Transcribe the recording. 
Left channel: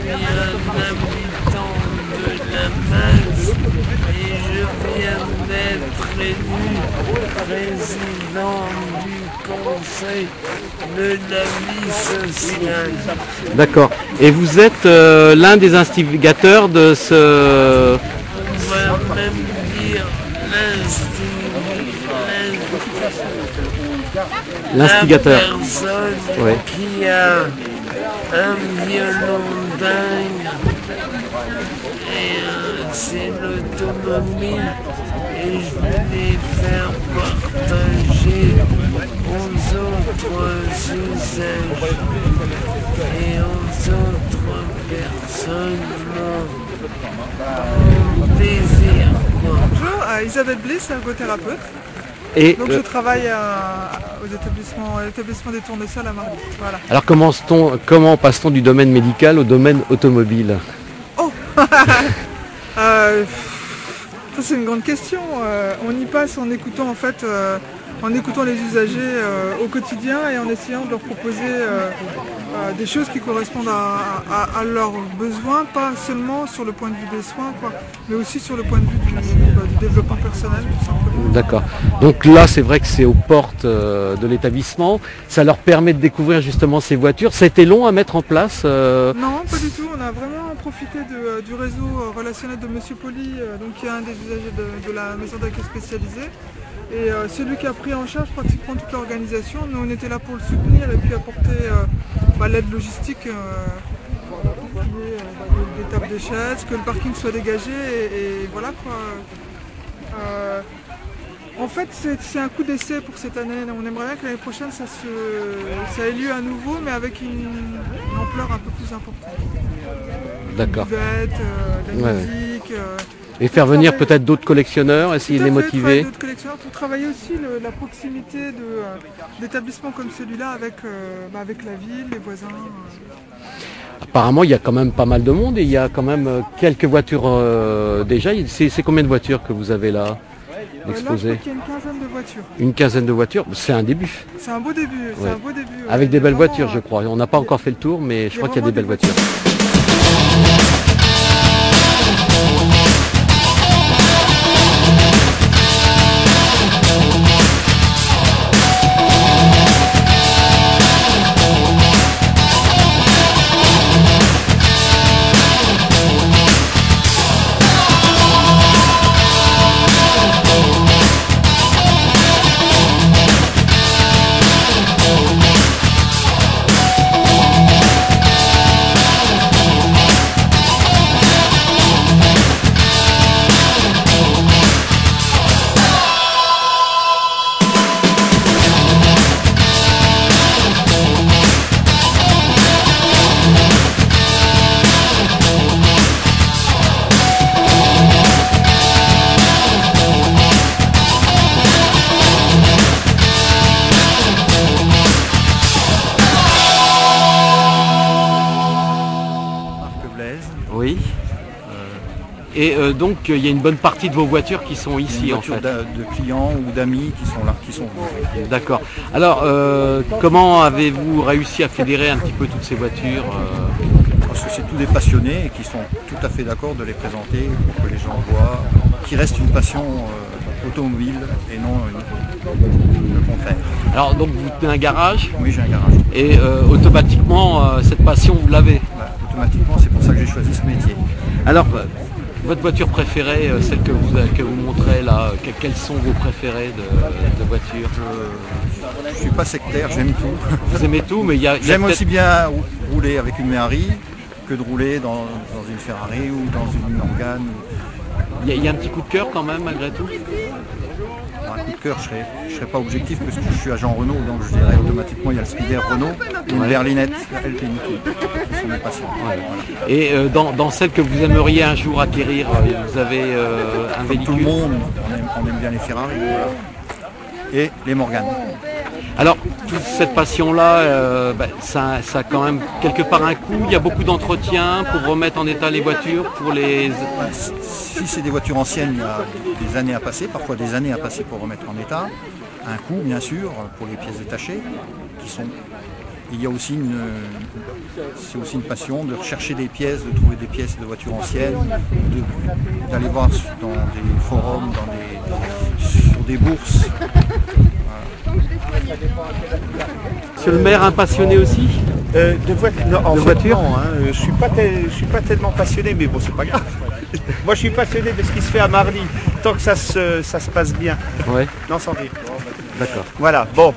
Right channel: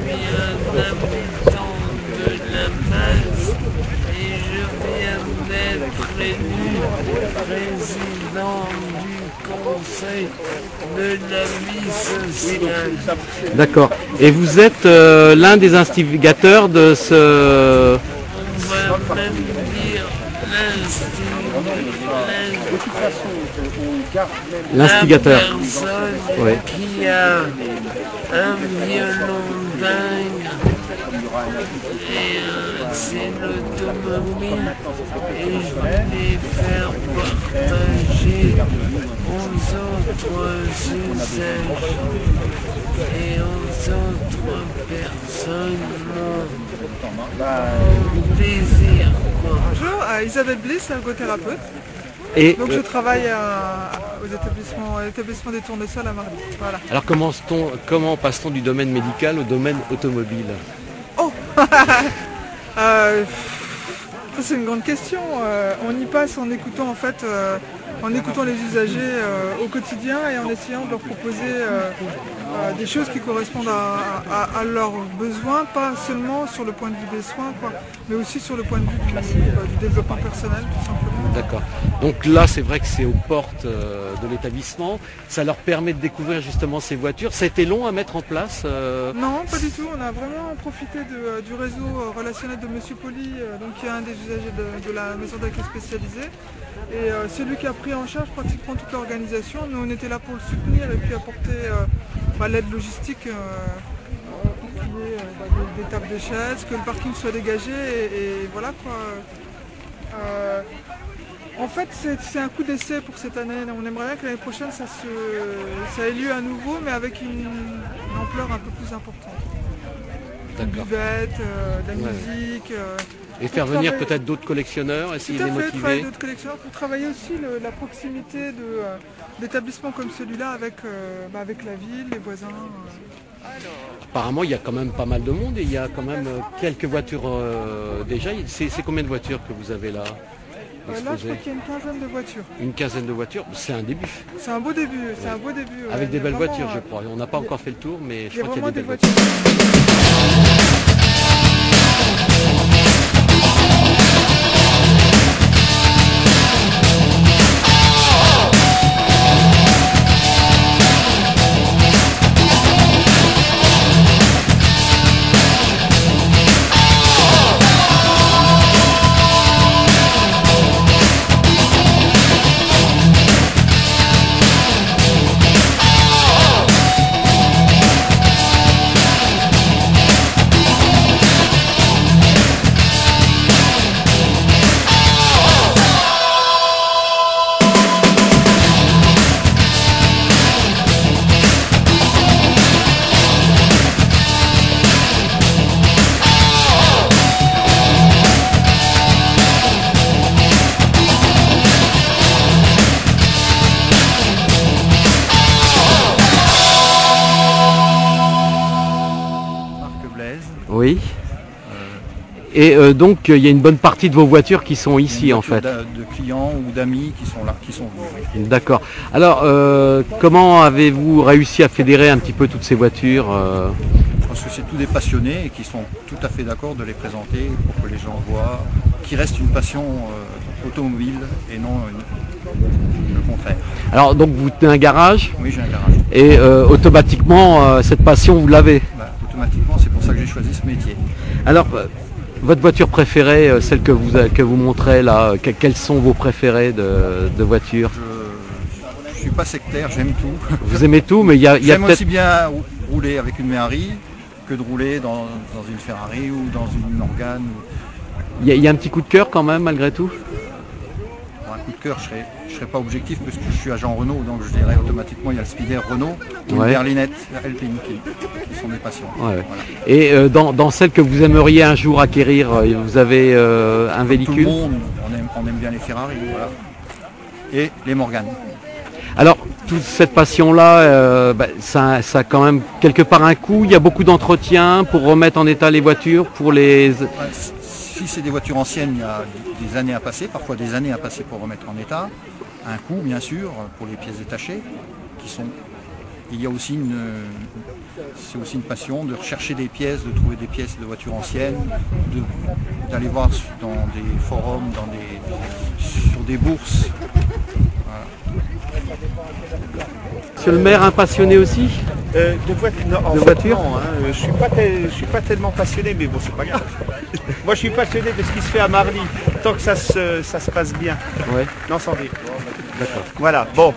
suis un habitant de la Masse et je viens d'être élu président du conseil de la vie sociale. D'accord. Et vous êtes l'un des instigateurs de ce... On va même dire L'instigateur. La personne Ouais. qui a un violon dingue et c'est l'automobile et je voulais faire partager aux autres usages et aux autres personnes mon désir, quoi. Bonjour, Isabelle Bliss, ergothérapeute. Et Donc je travaille à l'établissement des Tournesols à Marly. Voilà. alors comment passe-t-on du domaine médical au domaine automobile? Oh Ça c'est une grande question. On y passe en écoutant en écoutant les usagers au quotidien et en essayant de leur proposer des choses qui correspondent à leurs besoins, pas seulement sur le point de vue des soins, quoi, mais aussi sur le point de vue du développement personnel, tout simplement. D'accord. Donc là, c'est vrai que c'est aux portes de l'établissement. Ça leur permet de découvrir justement ces voitures. Ça a été long à mettre en place Non, pas du tout. On a vraiment profité du réseau relationnel de Monsieur Poli, donc qui est un des usagers de la maison d'accueil spécialisée. Et c'est lui qui a pris en charge pratiquement toute l'organisation. Nous, on était là pour le soutenir et puis apporter l'aide logistique, pour qu'il y ait des tables de chaises, que le parking soit dégagé et voilà quoi. En fait, c'est un coup d'essai pour cette année. On aimerait bien que l'année prochaine, ça ait lieu à nouveau, mais avec une ampleur un peu plus importante. D'accord. Une buvette, de la musique. Et faire venir peut-être d'autres collectionneurs, essayer de les motiver. D'autres collectionneurs pour travailler aussi la proximité d'établissements comme celui-là avec la ville, les voisins. Apparemment, il y a quand même pas mal de monde et il y a quand même quelques voitures déjà. C'est combien de voitures que vous avez là Là, je exposées? crois qu'il y a une quinzaine de voitures. Une quinzaine de voitures, c'est un début. C'est un beau début, c'est un beau début. Avec Il des y a belles vraiment, voitures, je crois. On n'a pas encore fait le tour, mais je crois qu'il y a des belles vraiment voitures. Oui. Et donc il y a une bonne partie de vos voitures qui sont ici en fait. De clients ou d'amis qui sont là, qui sont venus. D'accord. Alors comment avez-vous réussi à fédérer un petit peu toutes ces voitures Parce que c'est tous des passionnés et qui sont tout à fait d'accord de les présenter pour que les gens voient qu'il reste une passion automobile et non le contraire. Alors donc vous tenez un garage Oui, j'ai un garage. et automatiquement cette passion vous l'avez. Automatiquement, c'est pour ça que j'ai choisi ce métier. Alors votre voiture préférée, celle que vous montrez là, quelles sont vos préférées de voitures? Je ne suis pas sectaire, j'aime tout. Vous aimez tout, mais il y a J'aime peut-être... aussi bien rouler avec une Méhari que de rouler dans une Ferrari ou dans une Morgane. Il y a un petit coup de cœur quand même malgré tout? Un coup de cœur, je ne serais pas objectif parce que je suis agent Renault, donc je dirais automatiquement il y a le Spider Renault et une berlinette Alpine qui sont mes passions. Ouais. Voilà. Et dans celle que vous aimeriez un jour acquérir, vous avez un Comme véhicule? tout le monde, on aime bien les Ferrari, voilà. Et les Morgane. Alors, toute cette passion-là, ça a quand même quelque part un coût. Il y a beaucoup d'entretien pour remettre en état les voitures, pour les... Si c'est des voitures anciennes, il y a des années à passer, parfois des années à passer pour remettre en état. Un coût, bien sûr, pour les pièces détachées, qui sont il y a aussi c'est aussi une passion de rechercher des pièces, de trouver des pièces de voitures anciennes, d'aller voir dans des forums, sur des bourses. Voilà. Monsieur le maire, un passionné aussi De voiture non, hein, je suis pas tellement passionné, mais bon, c'est pas grave. Moi, je suis passionné de ce qui se fait à Marly, tant que ça se passe bien. Ouais, Non, sans rire. d'accord. Voilà, bon.